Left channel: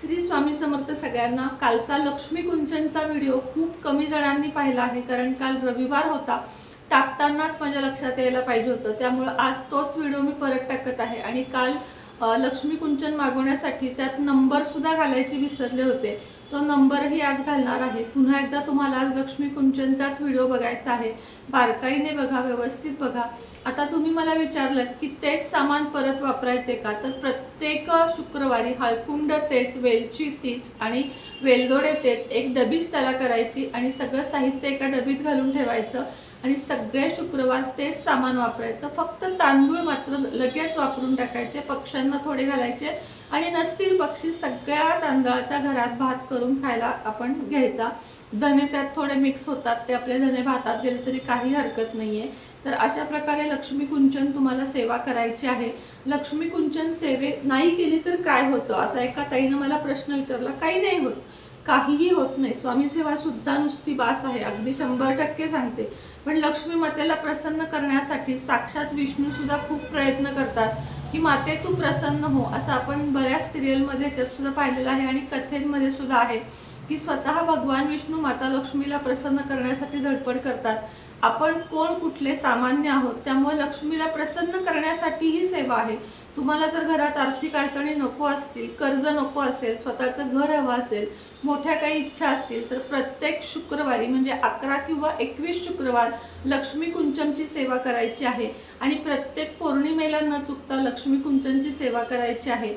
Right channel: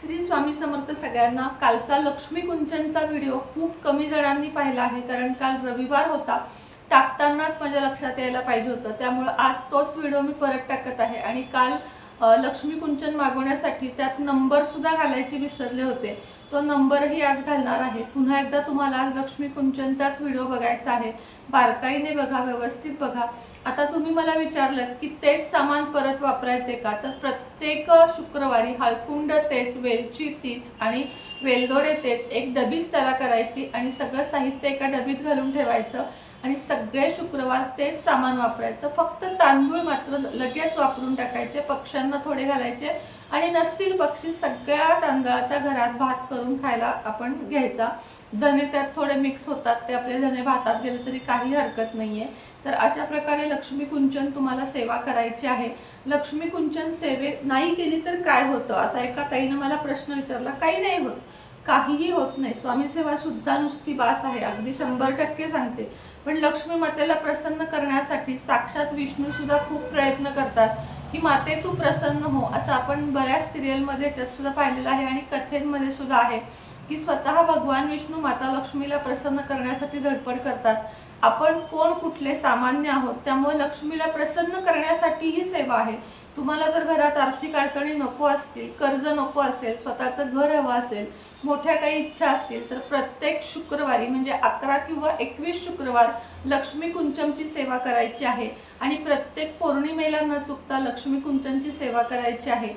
श्री स्वामी समर्थ सगळ्यांना कालचा लक्ष्मी कुंचनचा व्हिडिओ खूप कमी जणांनी पाहिला आहे कारण काल रविवार होता. टाकतानाच माझ्या लक्षात यायला पाहिजे होतं. त्यामुळं आज तोच व्हिडिओ मी परत टाकत आहे. आणि काल लक्ष्मी कुंचन मागवण्यासाठी त्यात नंबरसुद्धा घालायचे विसरले होते. तो नंबरही आज घालणार आहे. पुन्हा एकदा तुम्हाला आज लक्ष्मी कुंचनचाच व्हिडिओ बघायचा आहे. बारकाईने बघा व्यवस्थित बघा. आता तुम्ही मला विचारलं की तेच सामान परत वापरायचे का? तर प्रत्येक शुक्रवारी हळकुंड तेच वेलची तीच आणि वेलदोडे तेच एक डबीच त्याला करायची आणि सगळं साहित्य एका डबीत घालून ठेवायचं. आणि सगळे शुक्रवार तेच सामान वापरायचं. फक्त तांदूळ मात्र लगेच वापरून टाकायचे पक्ष्यांना थोडे घालायचे आणि नसतील पक्षी सगळ्या तांदळाचा घरात भात करून खायला आपण घ्यायचा. धने त्यात थोडे मिक्स होतात ते आपले धने भातात गेले तरी काही हरकत नाही आहे तर अशा प्रकारे लक्ष्मी कुंचन तुम्हाला सेवा करायची आहे. लक्ष्मी कुंचन सेवे नाही केली तर काय होतं? असा एका ताईनं मला प्रश्न विचारला काही नाही होत. काहीही होत नाही. स्वामीसेवा सुद्धा नुसती बास आहे. अगदी शंभर टक्के सांगते. पण लक्ष्मी मातेला प्रसन्न करण्यासाठी साक्षात विष्णू सुद्धा खूप प्रयत्न करतात की माते तू प्रसन्न हो. असं आपण बऱ्याच सिरियलमध्ये याच्यात सुद्धा पाहिलेलं आहे आणि कथेंमध्ये सुद्धा आहे की स्वतः भगवान विष्णू माता लक्ष्मीला प्रसन्न करण्यासाठी धडपड करतात. आपण कोण कुठले सामान्य आहोत? त्यामुळे लक्ष्मीला प्रसन्न करण्यासाठी ही सेवा आहे. तुम्हाला जर घरात आर्थिक अडचणी नको असतील कर्ज नको असेल स्वतःचं घर हवं असेल मोठ्या काही इच्छा असतील तर प्रत्येक शुक्रवारी म्हणजे अकरा किंवा एकवीस शुक्रवार लक्ष्मी कुंचमची सेवा करायची आहे. आणि प्रत्येक पौर्णिमेला न चुकता लक्ष्मी कुंचनची सेवा करायची आहे.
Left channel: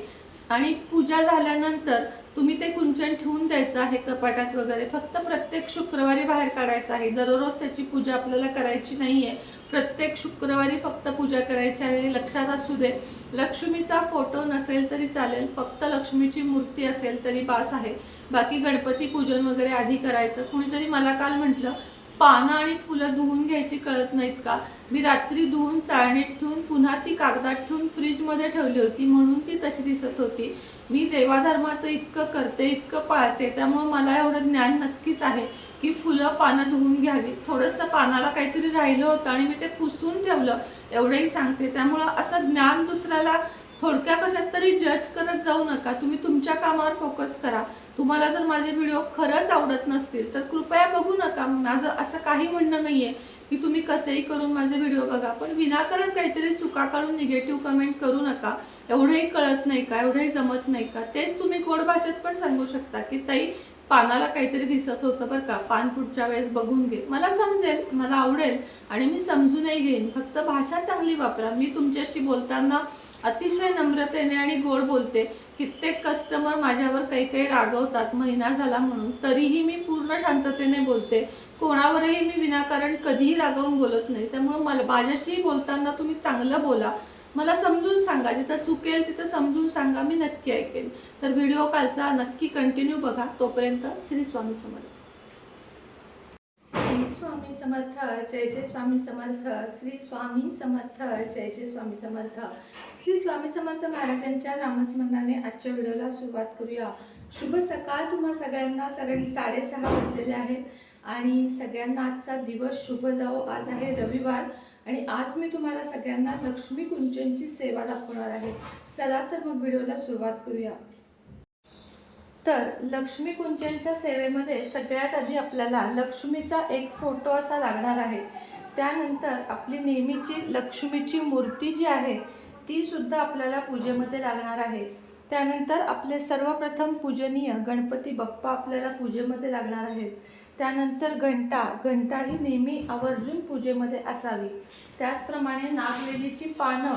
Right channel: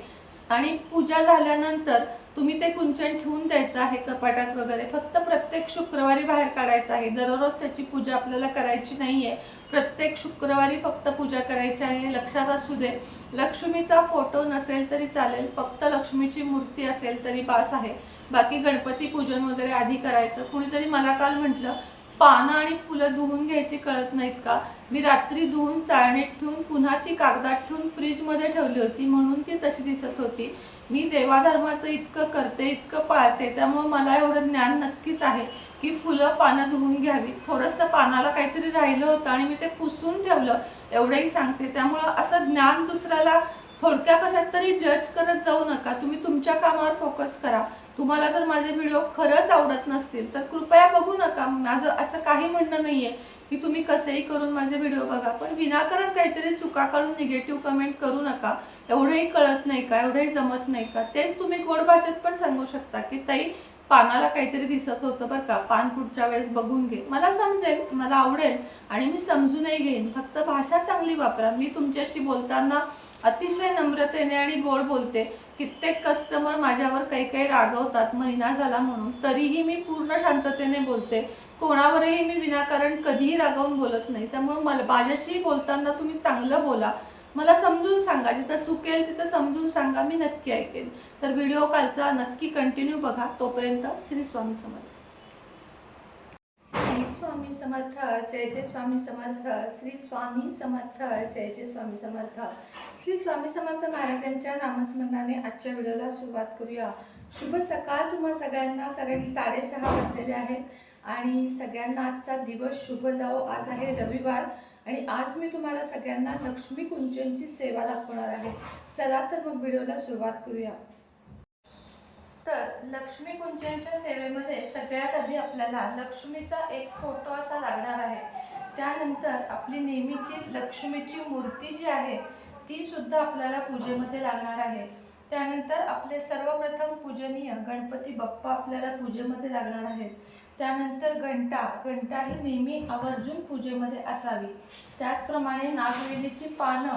आणि पूजा झाल्यानंतर तुम्ही ते कुंचन ठेवून द्यायचं आहे कपाटात वगैरे. फक्त प्रत्येक शुक्रवारी बाहेर काढायचं आहे. दररोज त्याची पूजा आपल्याला करायची नाही आहे प्रत्येक शुक्रवारी फक्त पूजा करायची आहे लक्षात असू दे. लक्ष्मीचा फोटो नसेल तरी चालेल फक्त लक्ष्मीची मूर्ती असेल तरी बास आहे. बाकी गणपती पूजन वगैरे आधी करायचं. कुणीतरी मला काल म्हटलं पानं आणि फुलं धुवून घ्यायची कळत नाहीत का? मी रात्री धुवून चाळणीत ठेवून पुन्हा ती कागदात ठेवून फ्रीजमध्ये ठेवली होती म्हणून ती तशी दिसत होती. मी देवाधर्माचं इतकं करते इतकं पाळते त्यामुळे मला एवढं ज्ञान नक्कीच आहे की फुलं पानं धुवून घ्यावी. थोडंसं पानाला काहीतरी राहिलं होतं आणि मी ते पुसून ठेवलं एवढंही सांगते. त्यामुळं असं ज्ञान दुसऱ्याला थोडक्या कशात तरी जज करत जाऊ नका. तुम्ही तुमच्या कामावर फोकस करा. तुम्हाला जर माझे व्हिडिओ खरंच आवडत नसतील तर कृपया बघू नका. माझं असं काही म्हणणं नाही आहे की तुम्ही कसेही करून माझे व्हिडिओ बघा पण विनाकारण काहीतरी चुका काढून निगेटिव्ह कमेंट करू नका. एवढंही कळत नाही का? एवढंही जमत नाही का? तेच तुम्ही गोड भाषेत पण सांगू शकता की ताई पानाला काहीतरी दिसत होतं बरं का. पान पुढच्या वेळेस बघून घे. मला समजेल मला आवडेल आणि मी समजूनही घेईन. फक्त भाषा चांगली वापरा. मी तुमच्याशी बोलताना अतिशय नम्रतेने आणि गोड बोलते. कित्येक कस्टमर माझ्यावर काही काही रागवतात महिना झाला म्हणून. तरीही मी पूर्ण शांततेने बोलते. कोणावरही मी विनाकारण कधीही रागावून बोलत नाही. त्यामुळे मला माझ्याशी बोलताना तुम्ही चांगलं बोला. मला समजून सांगा. जिथं चुकेल तिथं समजून सांगा. मी नक्की ऐकेन. तर व्हिडिओ कालचा नक्की कंटिन्यू बघा. तोपर्यंत श्री स्वामी समर्थ. स्वामी समर्थ जय जय स्वामी समर्थ श्री स्वामी समर्थ जय जय स्वामी समर्थ. श्री स्वामी समर्थ महाराजांच्या नामस्मरणाने आजच्या व्हिडिओला सुरुवात करूया. शुभ सकाळ तुम्हा सगळ्यांना कारण साडेसहा वाजलेले आहेत आणि सगळ्यांना आजचा दिवस शुभ जावो. आज आहे रविवार आणि आज मी तुम्हाला सगळ्यांना लक्ष्मी कुंचनची सेवा दाखवणार आहे. चला तर मग व्हिडिओला सुरुवात करूया. तर लक्ष्मी कुंचनच्या सेवेमध्ये सगळ्यात आधी आपल्याला लक्ष्मीचा एक फोटो असा लागणार आहे. त्यानंतर आपली नेहमीची लक्ष्मीची मूर्ती जी आहे ती सुद्धा आपल्याला पूजेमध्ये लागणार आहे. त्यानंतर आपले सर्वप्रथम पूजनीय गणपती बाप्पा आपल्याला पूजेमध्ये लागणार आहेत. त्यानंतर घंटा घंटा ही नेहमी आवर्जून पूजेमध्ये असावी. त्याचप्रमाणे नागवेलीची पानं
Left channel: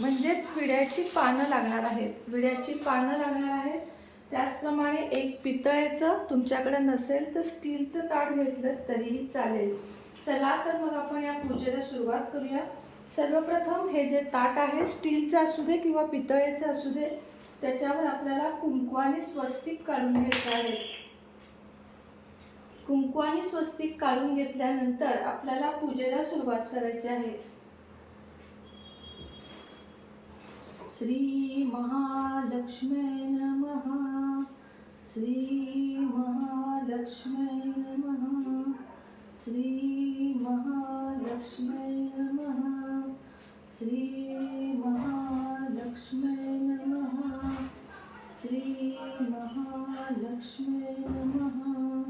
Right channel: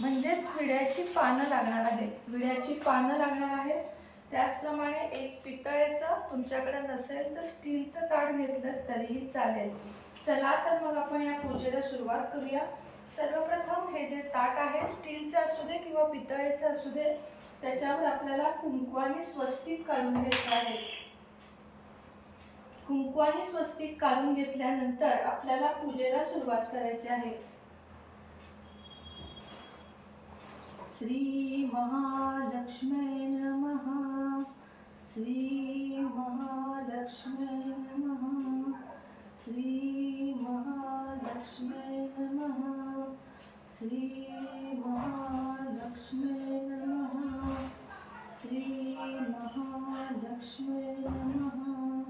म्हणजेच विड्याची पानं लागणार आहेत. विड्याची पानं लागणार आहेत. त्याचप्रमाणे एक पितळेचं तुमच्याकडे नसेल तर स्टीलचं ताट घेतलं तरीही चालेल. चला तर मग आपण या पूजेला सुरुवात करूया. सर्वप्रथम हे जे ताट आहे स्टीलचं असू दे किंवा पितळेचं असू दे त्याच्यावर आपल्याला कुंकवाने स्वस्तिक काढून घ्यायचं आहे. कुंकवानी स्वस्तिक काढून घेतल्यानंतर आपल्याला पूजेला सुरुवात करायची आहे. श्री महालक्ष्मी नमः। श्री महालक्ष्मी नमः। श्री महालक्ष्मी नमः। श्री महालक्ष्मी नमः। श्री महालक्ष्मी नमः।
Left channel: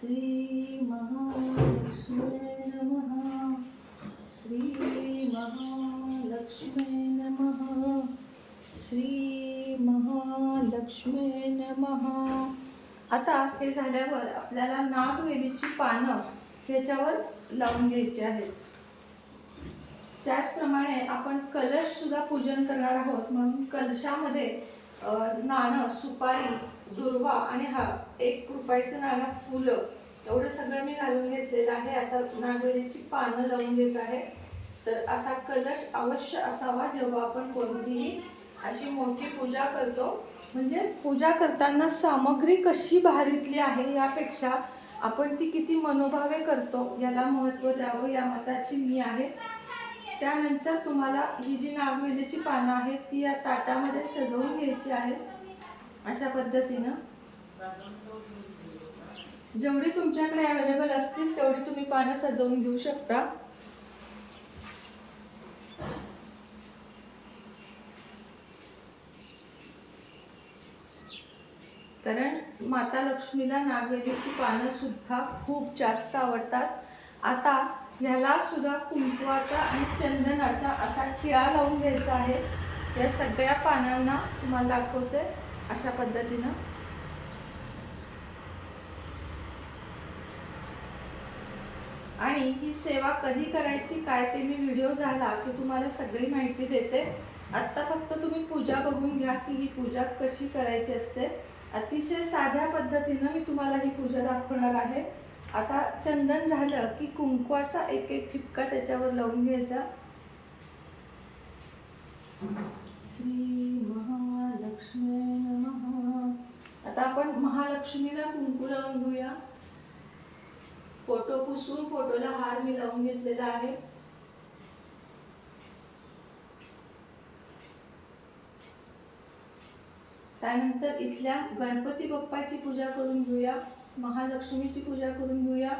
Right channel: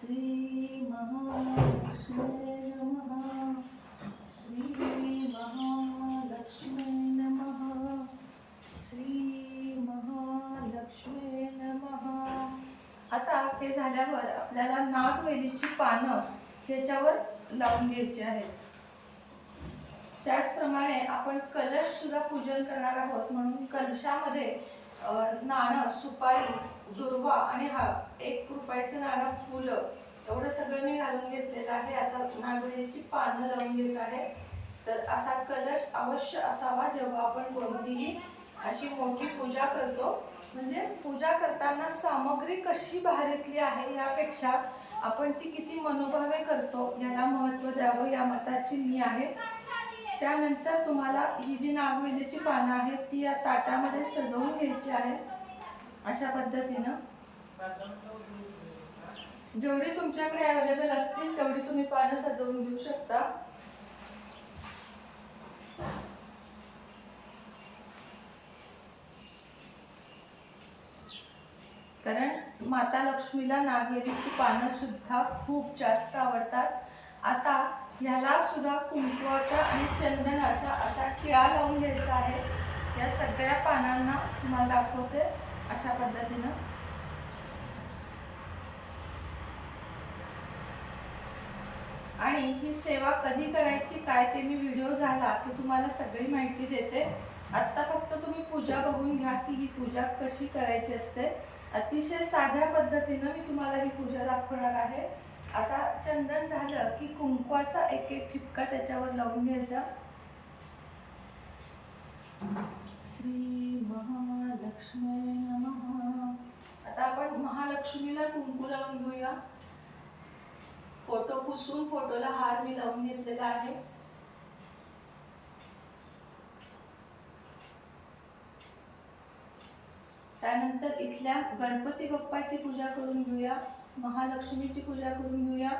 श्री महालक्ष्मी नमः। श्री महालक्ष्मी श्री महालक्ष्मी नमः. आता हे झाल्यावर आपल्याला नागवेलीची पानं ह्याच्यावर लावून घ्यायची आहेत. त्याचप्रमाणे आपण कलश सुद्धा पूजन करणार आहोत. म्हणून कलशामध्ये नाणं सुपारी दुर्वा आणि हा एक रुपयाचं नाणं फुलं एवढं सगळं मी घालून घेतलेलं आहे. आता नागवेलीची पानं लावून घेत आहे. तर असा कलश अवश्य असावा जेव्हा आपण कोणतीही अशी मोठी पूजा करतो. म्हणजे पूजा करताना सामग्री कशी भारीतली आहे यापेक्षा आपण ती किती मनोभावे करतो याला महत्त्व द्यावं या मताची मी आहे. त्यानंतर तुम्हाला ही जी नागवेलीची पानं आहेत ती या ताटामध्ये सजवून घ्यायची आहेत. अशा पद्धतीनं. जेवढी तुमच्याकडे अवेलेबल असतील तेवढी तुम्ही पानं सजवून घेऊ शकता. कारण माता लक्ष्मीला नागवेलीची पानं सुद्धा खूप जास्त आवडतात. आता ह्याला सुद्धा कुंकवाचा आणि चंदनाचा असा किळा लावून घ्यायचा आहे. या सगळ्या पानांना तुम्हाला दाखवते अशा पद्धतीनं. आणि ही सेवा कधी करायची काय ते मी व्हिडिओ झाला की तुम्हाला सगळी माहिती देते. आत्ता फक्त तुम्ही पूजा बघून घ्या की ही पूजा कशी करायची असते. अतिशय साध्या पद्धतीनं मी तुम्हाला ही पूजा दाखवणार आहे. आता चंदन झालं की कुंकवाचा एक एक ठिपका त्याच्यावर लावून घ्यायचा. श्री महालक्ष्मी नमः. आता आपण महालक्ष्मीला कुंकू लावून घेऊया. फोटो पुसून फोटोला हार मी लावून घेतलेला आहे. त्यानंतर इथल्या गणपती बाप्पाची पूजा करून घेऊया महालक्ष्मीची पूजा करून घेऊया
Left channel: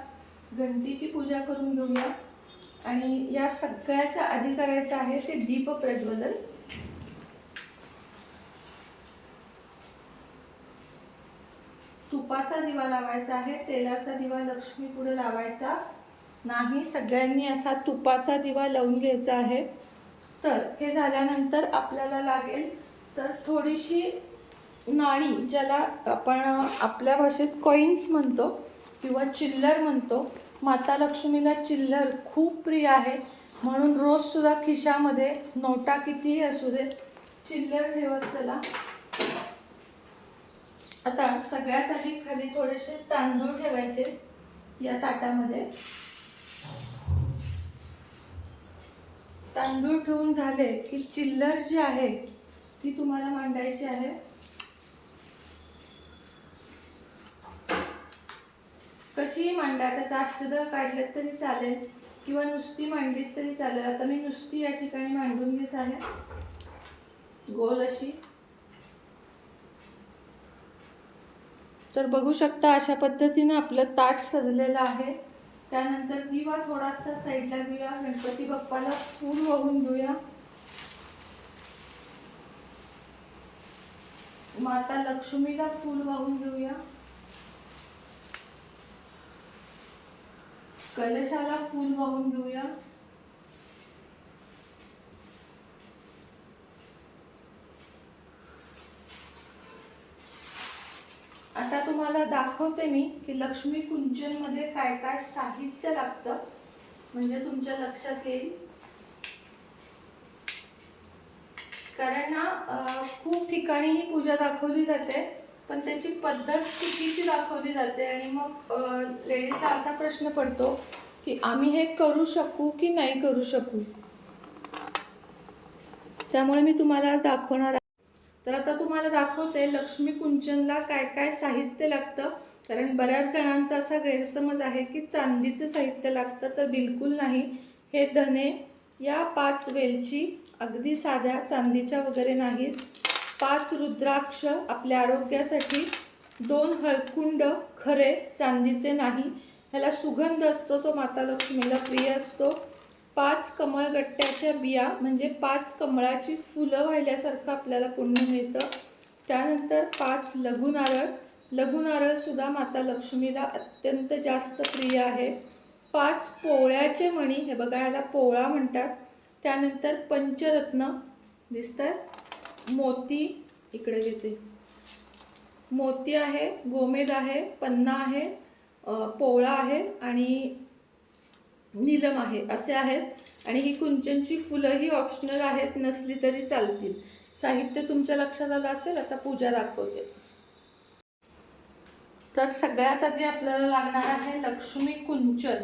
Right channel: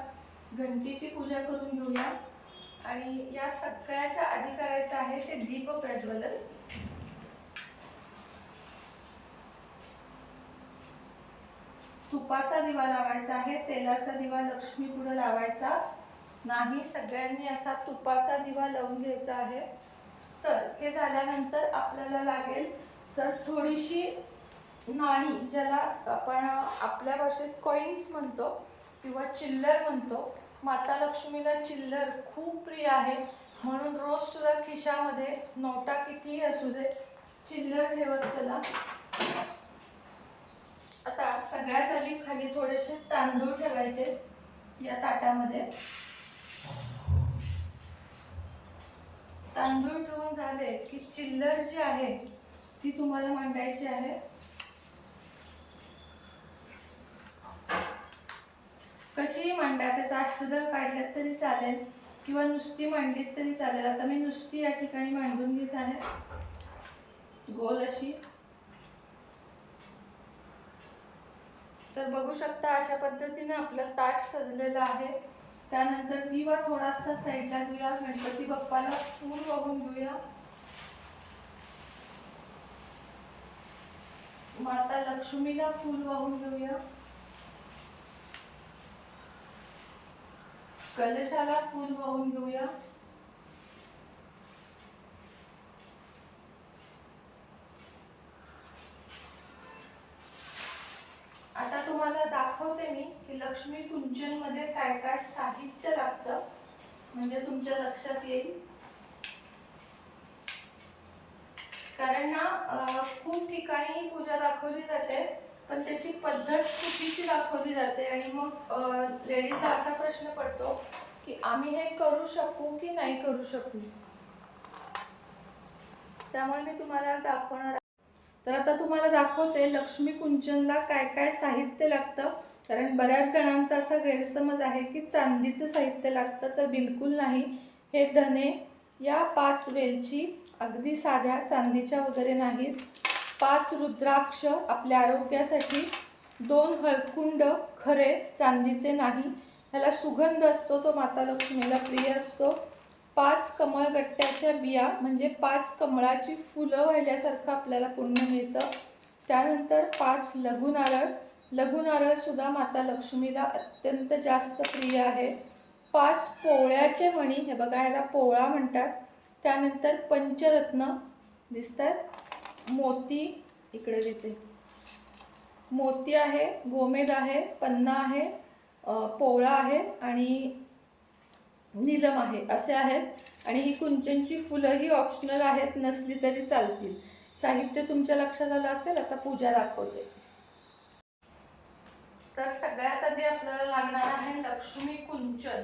घंटीची पूजा करून घेऊया. आणि या सगळ्याच्या आधी करायचं आहे ते दीप प्रज्वलन. तुपाचा दिवा लावायचा आहे तेलाचा दिवा लक्ष्मी पुढे लावायचा. नाही सगळ्यांनी असा तुपाचा दिवा लावून घ्यायचा आहे. तर हे झाल्यानंतर आपल्याला लागेल तर थोडीशी नाणी ज्याला आपण आपल्या भाषेत कॉईन्स म्हणतो किंवा चिल्लर म्हणतो माता लक्ष्मीला चिल्लर खूप प्रिय आहे. म्हणून रोज सुद्धा खिशामध्ये नोटा कितीही असू दे चिल्लर ठेवत चला. आता सगळ्यात आधी खाली थोडेसे तांदूळ ठेवायचे या ताटामध्ये. तांदूळ ठेवून झाले की चिल्लर जी आहे ती तुम्हाला मांडायची आहे. कशीही मांडा त्याचा अष्टदळ काढलं तरी चालेल किंवा नुसती मांडलीत तरी चालेल. आता मी नुसती या ठिकाणी मांडून घेत आहे. गोल अशी. तर बघू शकता अशा पद्धतीने आपलं ताट सजलेलं आहे. त्यानंतर दिवा थोडासा साईडला घेऊया. गणपती बाप्पाला फूल वाहून घेऊया. माता लक्ष्मीला फूल वाहून घेऊया. कलशाला फूल वाहून घेऊया. आता तुम्हाला दाखवते मी की लक्ष्मी कुंचनमध्ये काय काय साहित्य लागतं. म्हणजे तुमच्या लक्षात येईल. कारण ना खूप ठिकाणी ही पूजा दाखवली जाते. पण त्याची पद्धत चुकीची दाखवली जाते आणि मग लेडीजला असा प्रश्न पडतो की आम्ही हे करू शकू की नाही करू शकू? त्यामुळे मी तुम्हाला दाखवणार आहे. तर आता तुम्हाला दाखवते लक्ष्मी कुंचनला काय काय साहित्य लागतं. कारण बऱ्याच जणांचा असा गैरसमज आहे की चांदीचं साहित्य लागतं तर बिलकुल नाही. हे धने या पाच वेलची अगदी साध्या चांदीच्या वगैरे नाहीत. पाच रुद्राक्ष आपल्या आरोग्यासाठी दोन हळकुंड खरे चांदीचे नाही. ह्याला सुगंध असतो तो माता लक्ष्मीला प्रिय असतो. पाच कमळगट्ट्याच्या बिया म्हणजे पाच कमळाची फुलं वाहिल्यासारखं आपल्याला पुण्य मिळतं. त्यानंतर पाच लघुनारळ. लघुनारळसुद्धा माता लक्ष्मीला अत्यंत जास्त प्रिय आहे. पाच पोळ्याचे मणी हे बघा ह्याला पोळा म्हणतात. त्यानंतर पंचरत्न. दिसतात मोती इकडे देते. मोती आहे गोमेद आहे पन्ना आहे पोवळा पोळा आहे आणि नीलम आहे असे आहेत. आणि ही कुंचनची फुलं ही ऑप्शनल आहेत नसली तरी चालतील. साहित्य तुमच्या लक्षात आलं असेल आता पूजा दाखवते. तर सगळ्यात आधी आपल्याला लागणार आहे लक्ष्मी कुंचन.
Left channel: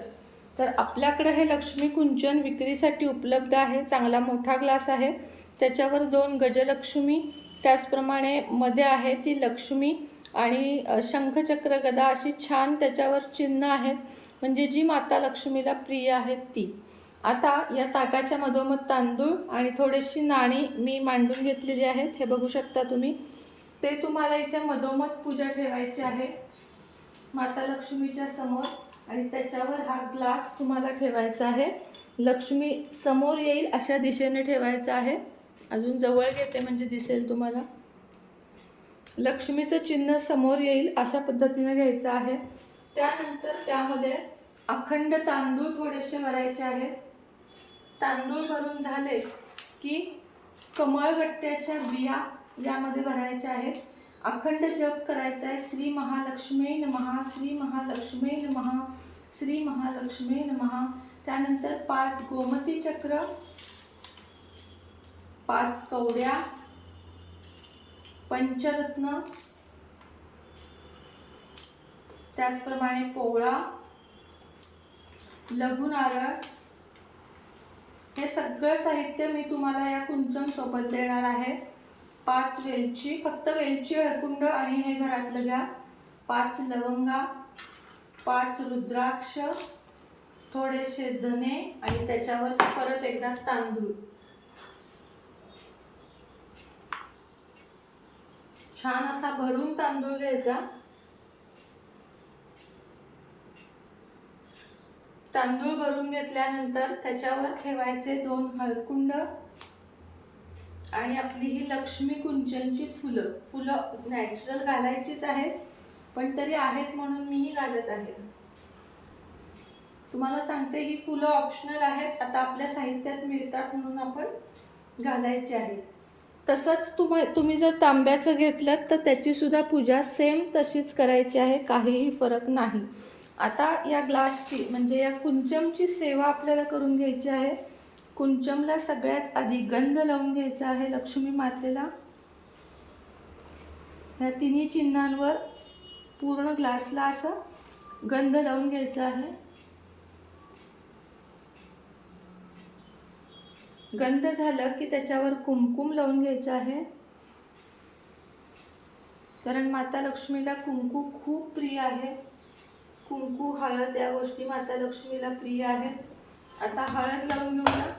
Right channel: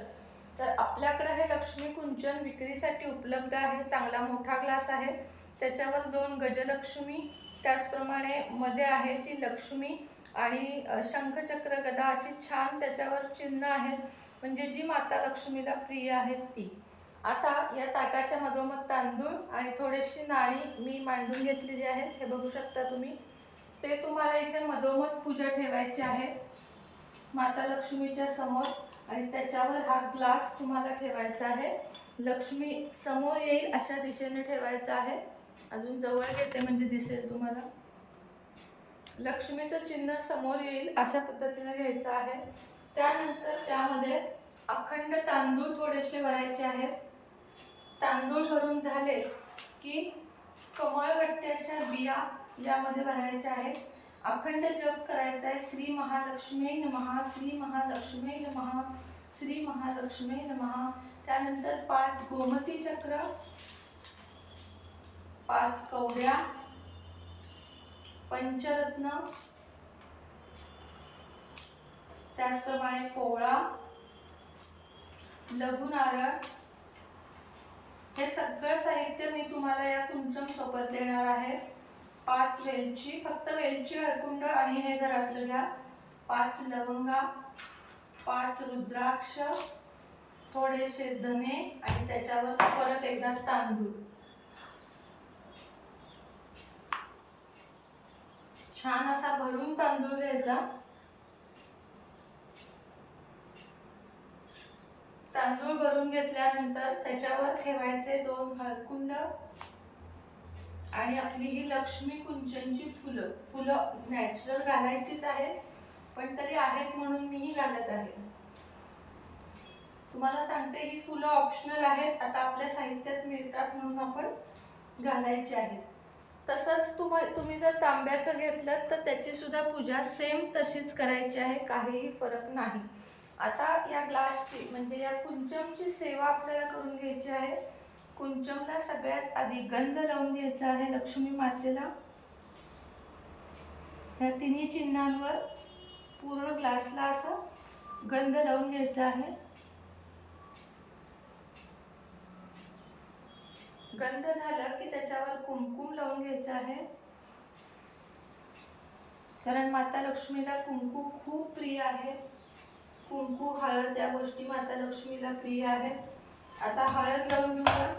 तर आपल्याकडे हे लक्ष्मी कुंचन विक्रीसाठी उपलब्ध आहे चांगला मोठा ग्लास आहे. त्याच्यावर दोन गजलक्ष्मी त्याचप्रमाणे मध्ये आहे ती लक्ष्मी आणि शंखचक्र गदा अशी छान त्याच्यावर चिन्ह आहेत. म्हणजे जी माता लक्ष्मीला प्रिय आहेत ती. आता या ताटाच्या मधोमध तांदूळ आणि थोडीशी नाणी मी मांडून घेतलेली आहेत. हे बघू शकता तुम्ही. ते तुम्हाला इथे मधोमध पूजा ठेवायची आहे. माता लक्ष्मीच्या समोर आणि त्याच्यावर हा ग्लास तुम्हाला ठेवायचा आहे. लक्ष्मी समोर येईल अशा दिशेने ठेवायचा आहे. अजून जवळ घेते म्हणजे दिसेल तुम्हाला. लक्ष्मीचं चिन्ह समोर येईल अशा पद्धतीने घ्यायचं आहे. त्यानंतर त्यामध्ये अखंड तांदूळ थोडेसे भरायचे आहेत. तांदूळ भरून झाले की कमळगट्ट्याच्या बिया यामध्ये भरायच्या आहेत. अखंड जप करायचा आहे. श्री महालक्ष्मी नमहा श्री महालक्ष्मी नमहा श्री महालक्ष्मी नमहा त्यानंतर पाच गोमती चक्र पाच कवड्या पंचरत्न त्याचप्रमाणे पोवळा लघु नारळ. हे सगळं साहित्य मी तुम्हाला या कुंचम सोबत देणार आहे. पाच वेलची फक्त वेलची हळकुंड आणि हे घरातलं घ्या. पाच लवंगा पाच रुद्राक्ष थोडेसे धने आणि त्याच्यावर परत एकदा तांदूळ. छान असा भरून तांदूळ घ्यायचा. तांदूळ भरून घेतल्यानंतर त्याच्यावर ठेवायचे दोन हळकुंड आणि आपली ही लक्ष्मी कुंचनची फुलं. फुलं नॅचरल घालायचीच आहेत पण तरी आहेत म्हणून मीही घालत आहे. तुम्हाला सांगते ही फुलं ऑप्शनल आहेत. आता आपल्या साहित्यात मिळतात म्हणून आपण घालायची आहेत. तसंच तुम्हा तुम्ही जर तांब्याचं घेतलं तर त्याची सुद्धा पूजा सेम तशीच करायची आहे काहीही फरक नाही. आता या ग्लासची म्हणजे या कुंचमची सेवा आपल्याला करून घ्यायची आहे. कुंचमला सगळ्यात आधी गंध लावून घ्यायचा आहे लक्ष्मी मातेला. ह्या तिन्ही चिन्हांवर पूर्ण ग्लासला असं गंध लावून घ्यायचा आहे. गंध झालं की त्याच्यावर कुमकुम लावून घ्यायचं आहे. कारण माता लक्ष्मीला कुंकू खूप प्रिय आहे. कुंकू हळद या गोष्टी माता लक्ष्मीला प्रिय आहेत. आता हळद लावून घेऊया.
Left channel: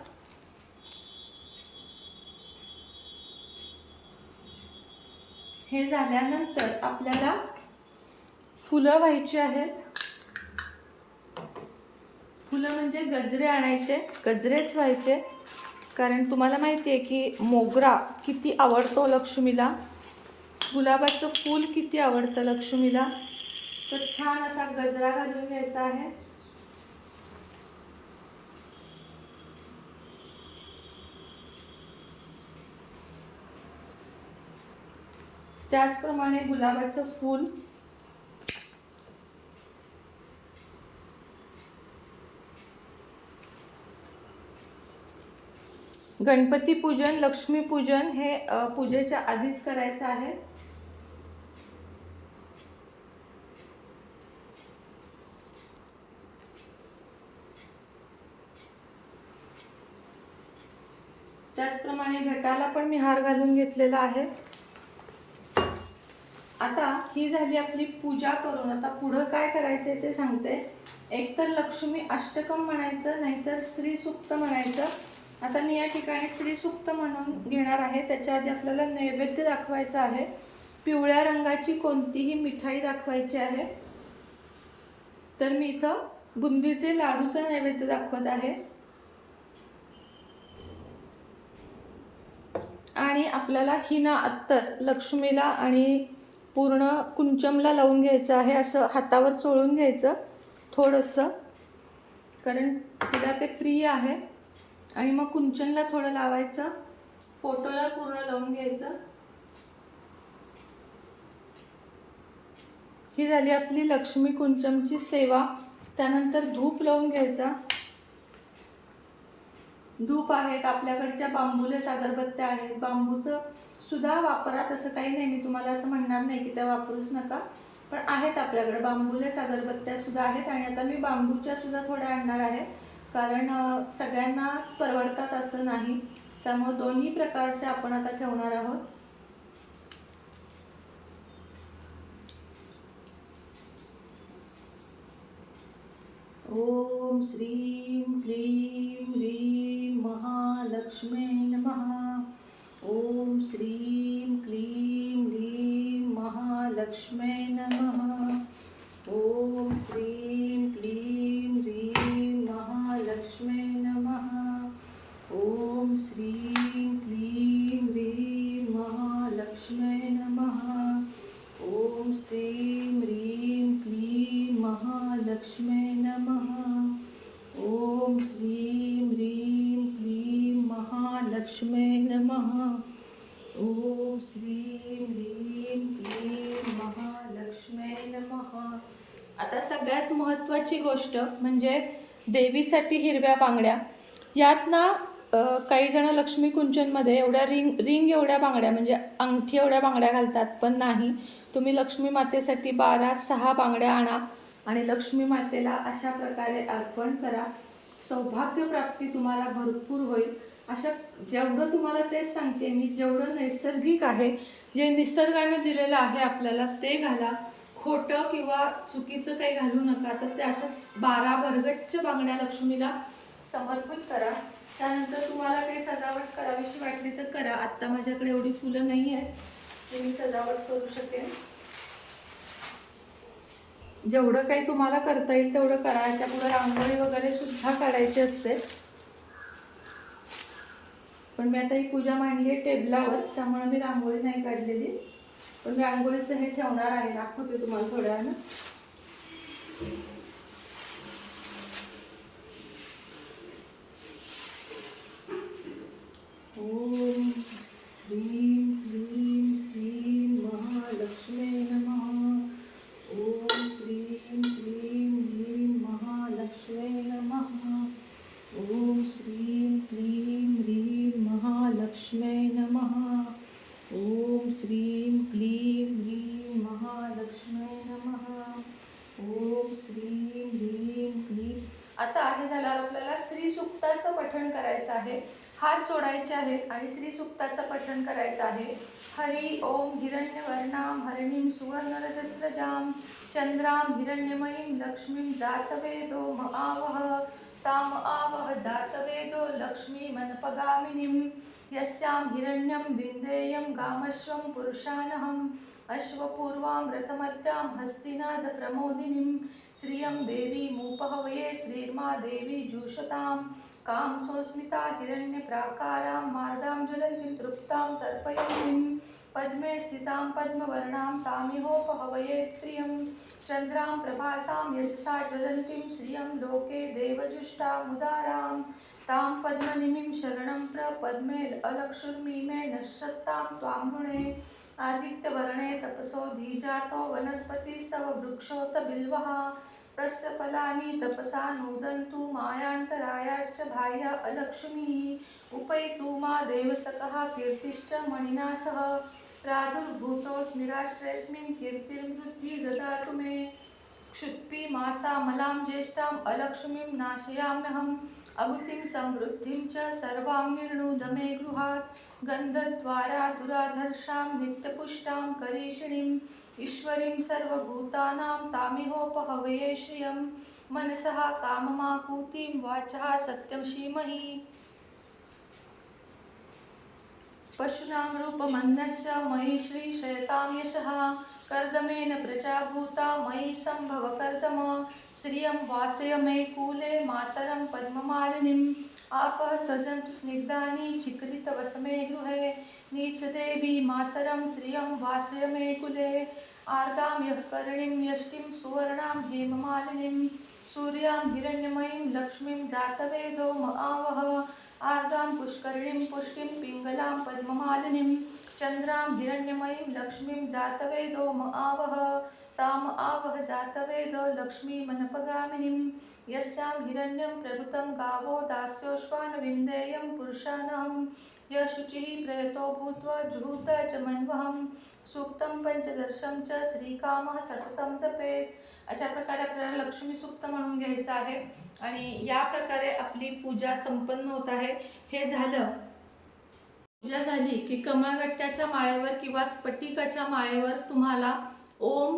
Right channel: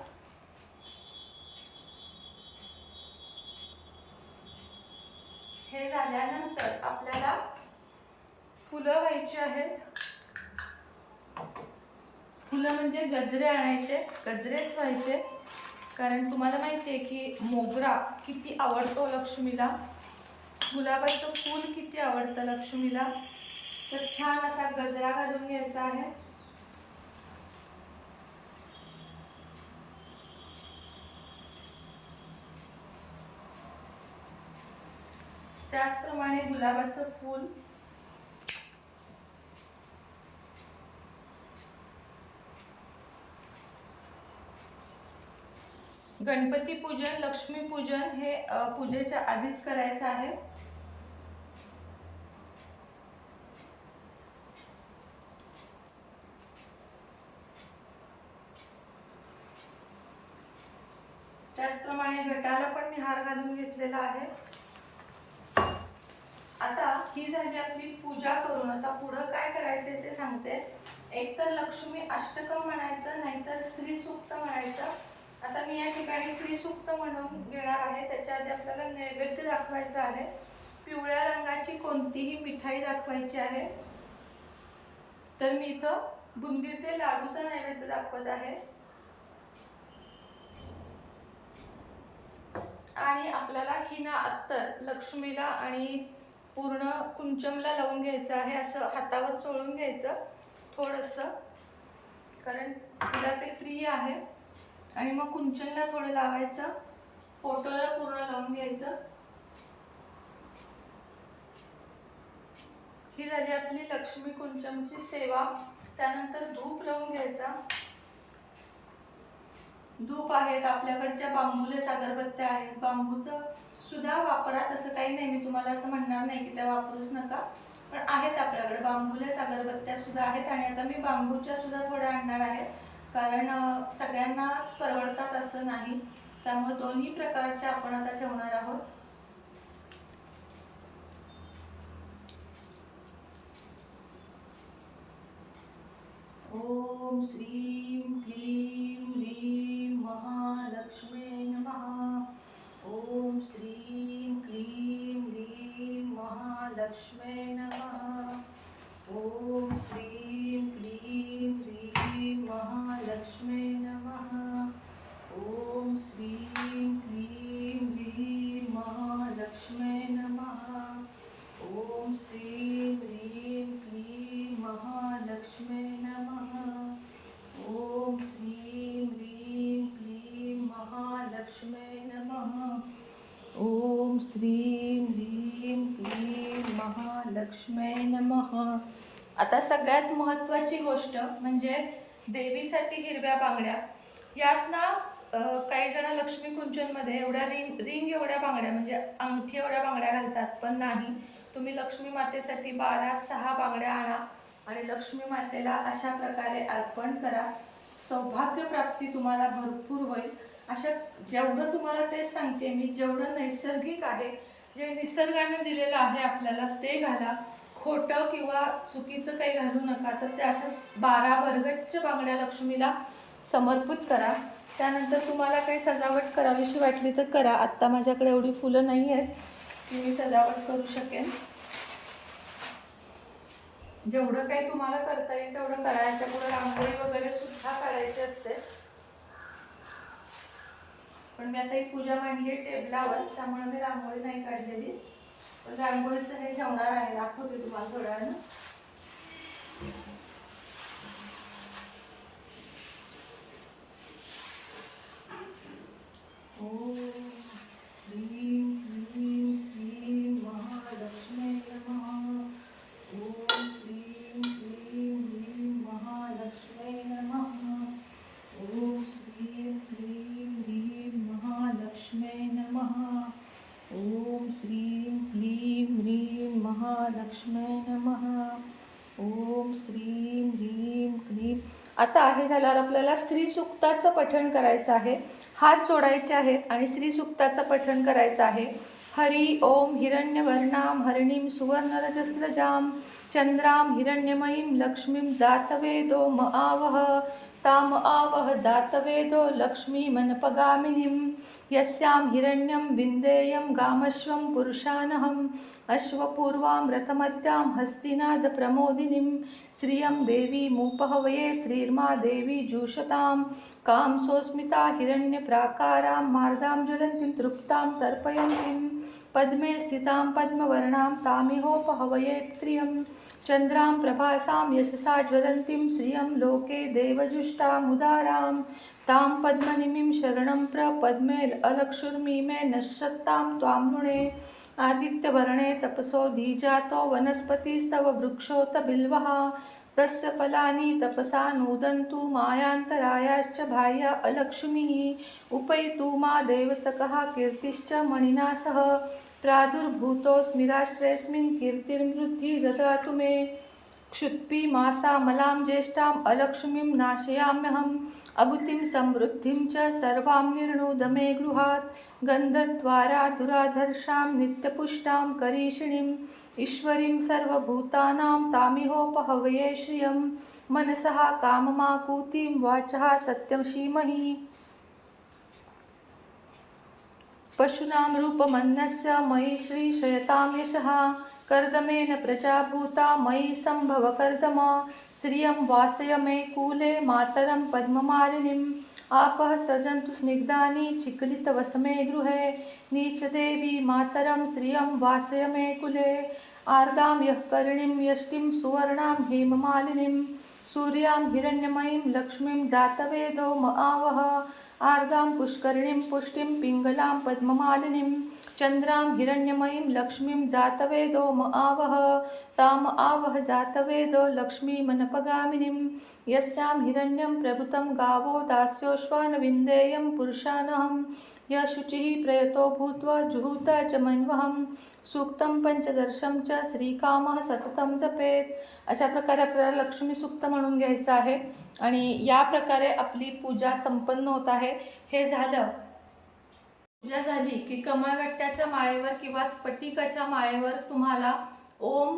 हे झाल्यानंतर आपल्याला फुलं व्हायची आहेत. फुलं म्हणजे गजरे आणायचे गजरेच व्हायचे. कारण तुम्हाला माहिती आहे की मोगरा किती आवडतो लक्ष्मीला? गुलाबाचं फूल किती आवडतं लक्ष्मीला? तर छान असा गजरा घालून घ्यायचा आहे. त्याचप्रमाणे गुलाबाचं फूल गणपती पूजन लक्ष्मी पूजन हे पूजेच्या आधीच करायचं आहे. त्याचप्रमाणे घटाला पण मी हार घालून घेतलेला आहे. आता ही झाली आपली पूजा करून. आता पुढं काय करायचंय ते सांगते. एकतर लक्ष्मी अष्टकम म्हणायचं नाहीतर श्री सुक्त म्हणायचं. आता मी या ठिकाणी श्रीसुक्त म्हणून घेणार आहे. त्याच्या आधी आपल्याला नैवेद्य दाखवायचा आहे. पिवळ्या रंगाची कोणतीही मिठाई दाखवायची आहे. तर मी इथं बुंदीचे लाडूचा नैवेद्य दाखवत आहे. आणि आणि आपल्याला हिना अत्तर लक्ष्मीला आणि पूर्ण कुंचमला लावून घ्यायचं आहे. असं हातावर चोळून घ्यायचं थोडंसं. कारण तिला ते प्रिय आहे. आणि मग कुंचनला थोडं लावायचं. फोटोला पूर्ण लावून घ्यायचं. ही झाली आपली लक्ष्मी कुंचमची सेवा. त्यानंतर धूप लावून घ्यायचा. धूप आहेत आपल्याकडच्या बांबूलेच अगरबत्त्या आहेत. बांबूचं सुद्धा वापरा तसं काही नाही. मी तुम्हाला असं म्हणणार नाही की त्या वापरूच नका. पण आहेत आपल्याकडे बांबूलेच अगरबत्त्या सुद्धा आहेत. आणि आता मी बांबूच्या सुद्धा थोड्या आणणार आहेत कारण सगळ्यांनाच परवडतात असं नाही. त्यामुळे दोन्ही प्रकारच्या आपण आता ठेवणार आहोत. ओम श्रीं क्लीं ह्रीं महालक्ष्मे नमः। ओम श्रीं सगळ्यात महत्त्वाची गोष्ट म्हणजे देवीसाठी हिरव्या बांगड्या. यात ना काही जण लक्ष्मी कुंचनमध्ये एवढ्या रिंग रिंग एवढ्या बांगड्या म्हणजे अंगठी एवढ्या बांगड्या घालतात पण नाही. तुम्ही लक्ष्मी मातेसाठी बारा सहा बांगड्या आणा आणि लक्ष्मी मातेला अशा प्रकारे अर्पण करा. सौभाग्य प्राप्ती तुम्हाला भरपूर होईल. अशा जेवढं तुम्हाला तेच सांगते मी जेवढं नैसर्गिक आहे जे निसर्गानं दिलेलं आहे आपल्याला ते घाला. खोटं किंवा चुकीचं काही घालू नका तर त्या अशा बारा भरगच्च बांगड्या लक्ष्मीला समर्पित करा. त्यानंतर तुम्हाला काही सजावट करावीशी वाटली तर करा. आत्ता माझ्याकडे एवढी फुलं नाही आहेत. मी सजावट करू शकेन. जेवढं काही तुम्हाला करता येईल तेवढं करायच्या पुढे रांगोळी वगैरे सुद्धा काढायची असते. पण मी आता ही पूजा मांडली आहे टेबलावर त्यामुळे मी रांगोळी नाही काढलेली. पण रांगोळीचं हे ठेवणार आहे. दाखवते तुम्हाला थोड्या वेळानं. झाल्यावर आपल्याला श्रीसुक्ताचं पठण करायचं आहे. हात जोडायचे आहेत आणि श्रीसुक्ताचं पठण करायचं आहे. हरी ओम हिरण्यवर्णाम हरिणीं सुवर्णरजस्रजाम चंद्राम हिरण्यमयीं लक्ष्मीं जातवेदो म आवह. ताम आवह जातवेदो लक्ष्मीमनपगामिनीं यस्यां हिरण्यं विन्देयं गामश्वं पुरुषानहम्। अश्वपूर्वां रथमत्यां हस्तिनादप्रमोदिनीं श्रियं देवीमुपहवये श्रीर्मा देवी जूषतां कां सोऽस्मिता हिरण्यप्राकारां मार्दां ज्वलन्तीं तृप्तां तर्पयन्तीं पद्मे स्थितां पद्मवर्णां तामिहोपहवये प्रियं चन्द्रां प्रभासां यशसा ज्वलन्तीं श्रियं लोके देवजुष्टामुदारां तां पद्मनिमिं शरणं प्रपद्मे अलक्षुर्मि मे नश्यत्तां त्वां नृणे आदित्यवर्णे तपसो धीजातो वनस्पतिस्तव वृक्षोत बिल्वः तस्य फलानि तपसा नोदन्तु मायान्तरायाश्च बाह्या अलक्ष्मीः। उपैतु मा देवसकः कीर्तिश्च मणिना सह प्रादुर्भूतोऽस्मिराश्रयस्मिन् कीर्तिर्वृद्धि ददातु मे क्षुत्पि मासामलां ज्येष्ठाम् अलक्ष्मीं नाशयाम्यहम् अगुतिं समृद्धिं च सर्वां निर्णोद मे गृहात् गन्धद्वारा दुराधर्षां नित्यपुष्टां करीषिणीम् ईश्वरीं सर्वभूतानां तामिहोपहवये श्रियं मनसः काममाकूतिं वाचः सत्यं श्रीमहि पशूनां रूपमन्नस्य मयि श्रीशयतां यशः। कर्दमेन प्रजाभूता मयि सम्भव कर्दम। श्रियं वासय मे कूले मातरं पद्ममालिनीम् आपः सृजन्तु स्निग्धानि चिक्लितवसमे गृहे। नीचदेवी मातरं श्रियं वासय मे कुले। आर्गां यः कर्णिं यष्टिं सुवर्णां हेममालिनीं सूर्यां हिरण्यमयीं लक्ष्मीं जातवेदो म आवह। आर्गां पुष्करिणीं पुष्टिं पिङ्गलां पद्ममालिनीं चन्द्रां हिरण्यमयीं लक्ष्मीं जातवेदो म आवह ताम आवह जातवेदो लक्ष्मीमनपगामिनीं यस्यां हिरण्यं प्रभुतं गावो दास्योश्वानविन्देयं पुरुषानहं य शुचिः प्रयतो भूत्वा जुहूता च मन्वहं सूक्तं पंचदर्शं च श्रीकामः सततं जपेत। अशा प्रकारे आपल्याला लक्ष्मी सूक्त म्हणून घ्यायचं आहे. आणि या प्रकारे आपली पूजा संपन्न होत आहे. हे झालं. पूजा झाली की कमळगट्ट्याच्या माळेवर किंवा स्फटिकाच्या माळेवर तुम्हाला ओम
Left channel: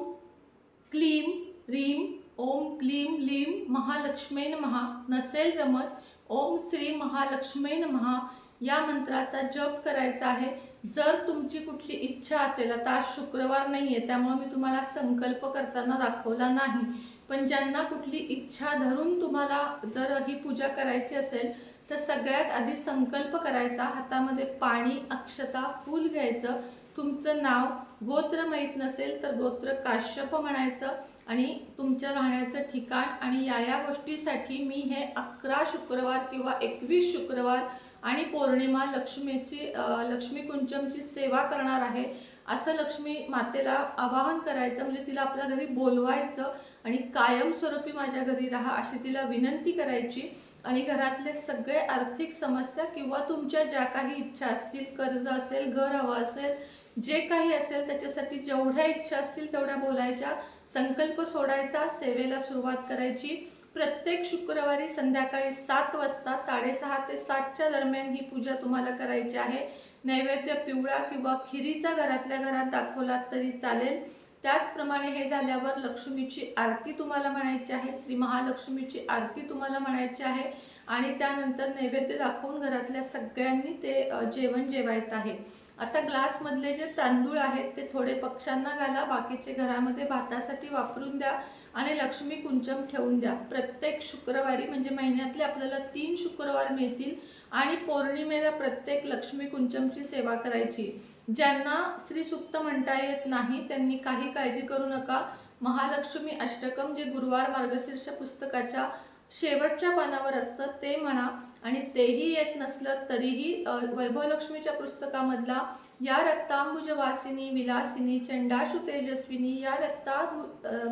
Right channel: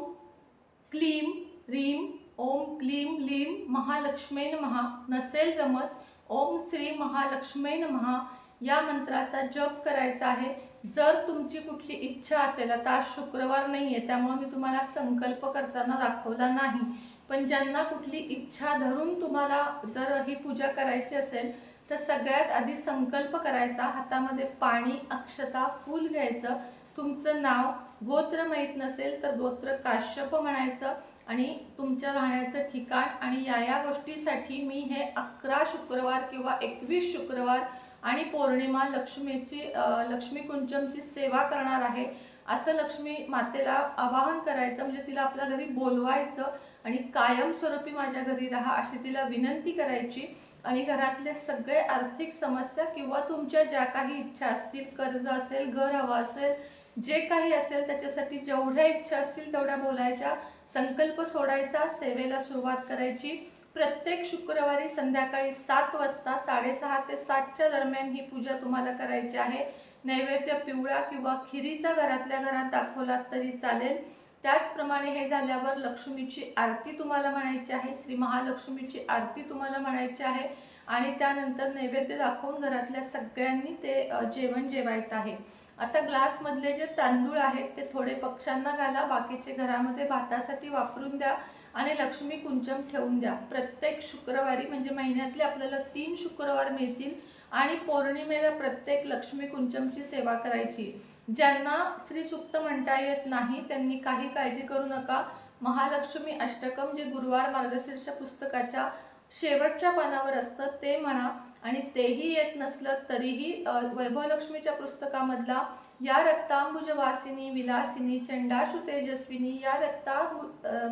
क्लीम रीम ओम क्लीम लीम महालक्ष्मेन महा नसेल जमत ओम श्री महालक्ष्मेन महा या मंत्राचा जप करायचा आहे. जर तुमची कुठली इच्छा असेल आता आज शुक्रवार नाही आहे त्यामुळे मी तुम्हाला संकल्प करताना दाखवला नाही. पण ज्यांना कुठली इच्छा धरून तुम्हाला जर ही पूजा करायची असेल तर सगळ्यात आधी संकल्प करायचा हातामध्ये पाणी अक्षता फूल घ्यायचं. तुमचं नाव गोत्र माहीत नसेल तर गोत्र काश्यप म्हणायचं. आणि तुमच्या राहण्याचं ठिकाण आणि या या गोष्टीसाठी मी हे अकरा शुक्रवार किंवा एकवीस शुक्रवार आणि पौर्णिमा लक्ष्मीची लक्ष्मीकुंचमची लक्ष्मी कुंचमची सेवा करणार आहे असं लक्ष्मी मातेला आवाहन करायचं म्हणजे तिला आपल्या घरी बोलवायचं आणि कायमस्वरूपी माझ्या घरी राहा अशी तिला विनंती करायची. आणि घरातले सगळे आर्थिक समस्या किंवा तुमच्या ज्या काही इच्छा असतील कर्ज असेल घर हवं असेल जे काही असेल त्याच्यासाठी जेवढ्या इच्छा असतील तेवढ्या बोलायच्या संकल्प सोडायचा सेवेला सुरुवात करायची. प्रत्येक शुक्रवारी संध्याकाळी सात वाजता साडेसहा ते सातच्या दरम्यान ही पूजा तुम्हाला करायची आहे. नैवेद्य पिवळा किंवा खिरीचा घरातल्या घरात दाखवलात तरी चालेल. त्याचप्रमाणे हे झाल्यावर लक्ष्मीची आरती तुम्हाला म्हणायची आहे श्री महालक्ष्मीची आरती तुम्हाला म्हणायची आहे आणि त्यानंतर नैवेद्य दाखवून घरातल्या सगळ्यांनी ते जेवण जेवायचं आहे. आता ग्लासमधले जे तांदूळ आहेत ते थोडे पक्ष्यांना घाला बाकीचे घरामध्ये भातासाठी वापरून द्या आणि लक्ष्मी कुंचम ठेवून द्या. प्रत्येक शुक्रवारी म्हणजे महिन्यातले आपल्याला तीन शुक्रवार मिळतील आणि पौर्णिमेला प्रत्येक लक्ष्मी कुंचमची सेवा करायची. ज्यांना श्री सुक्त म्हणता येत नाही त्यांनी काही काळजी करू नका. महालक्ष्मी अष्टकम जे गुरुवार मार्गशीर्ष पुस्तकाच्या शेवटच्या पानावर असतं ते म्हणा. आणि तेही येत नसलं तरीही वैभवलक्ष्मीच्या पुस्तकामधला या रक्तांबुजवासिनी विलासिनी चंडाशु तेजस्विनी या रक्ता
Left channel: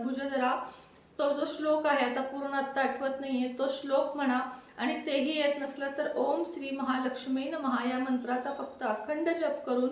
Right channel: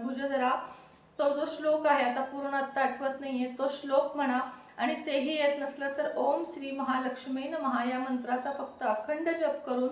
भुजधरा तो जो श्लोक आहे आता पूर्ण आत्ता आठवत नाहीये तो श्लोक म्हणा. आणि तेही येत नसलं तर ओम श्री महालक्ष्मी महा या मंत्राचा फक्त अखंड जप करून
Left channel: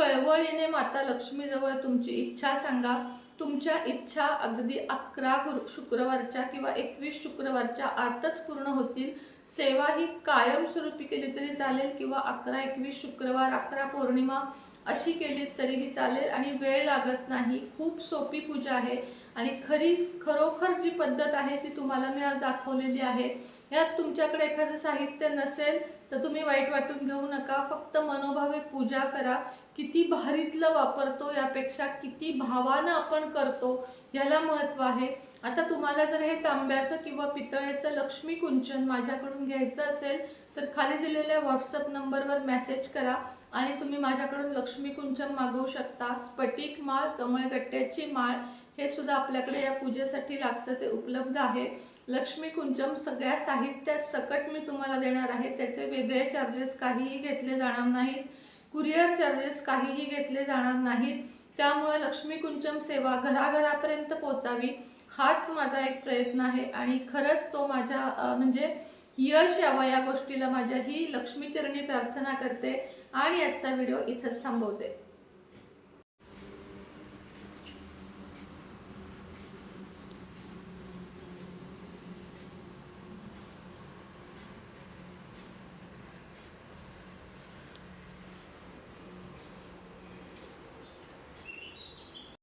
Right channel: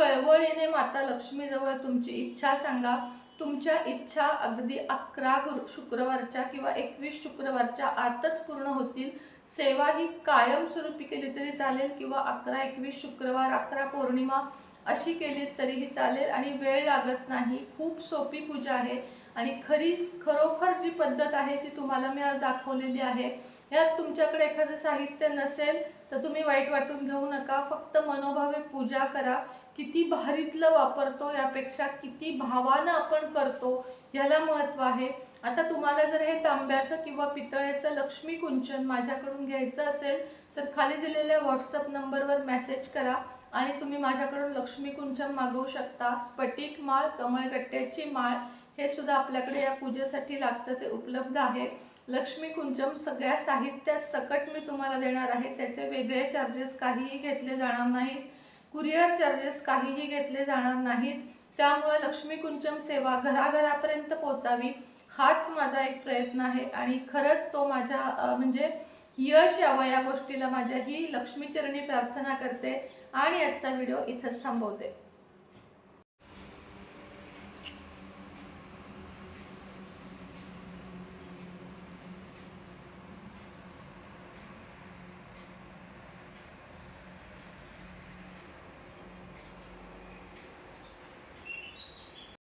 कळवळीने माता लक्ष्मीजवळ तुमची इच्छा सांगा. तुमच्या इच्छा अगदी अकरा गुरु शुक्रवारच्या किंवा एकवीस शुक्रवारच्या आतच पूर्ण होतील. सेवा ही कायमस्वरूपी केली तरी चालेल किंवा अकरा एकवीस शुक्रवार अकरा पौर्णिमा अशी केली तरीही चालेल आणि वेळ लागत नाही. खूप सोपी पूजा आहे आणि खरी खरोखर जी पद्धत आहे ती तुम्हाला मी आज दाखवलेली आहे. यात तुमच्याकडे एखादं साहित्य नसेल तर तुम्ही वाईट वाटून घेऊ नका. फक्त मनोभावे पूजा करा. किती भारीतलं वापरतो यापेक्षा किती भावानं आपण करतो ह्याला महत्त्व आहे. आता तुम्हाला जर हे तांब्याचं किंवा पितळेचं लक्ष्मी कुंचन माझ्याकडून घ्यायचं असेल तर खाली दिलेल्या व्हॉट्सअप नंबरवर मेसेज करा आणि तुम्ही माझ्याकडून लक्ष्मी कुंचन मागवू शकता. स्फटिक माळ कमळगट्ट्याची माळ हे सुद्धा आपल्याकडे या पूजेसाठी लागतं ते उपलब्ध आहे. लक्ष्मी कुंचम सगळ्या साहित्यात सकट मी तुम्हाला देणार आहे त्याचे वेगळे चार्जेस काहीही घेतले जाणार नाहीत. कुरिअर चार्जेस काहीही घेतले जाणार नाहीत. त्यामुळे लक्ष्मी कुंचम सेवा घराघरापर्यंत पोचावी हाच माझा एक प्रयत्न आहे. आणि खरंच तो माझ्या म्हणजे यश यावं या गोष्टीला माझ्या ही लक्ष्मीचरणी प्रार्थना करते आणि आजचा व्हिडिओ इथंच थांबवते.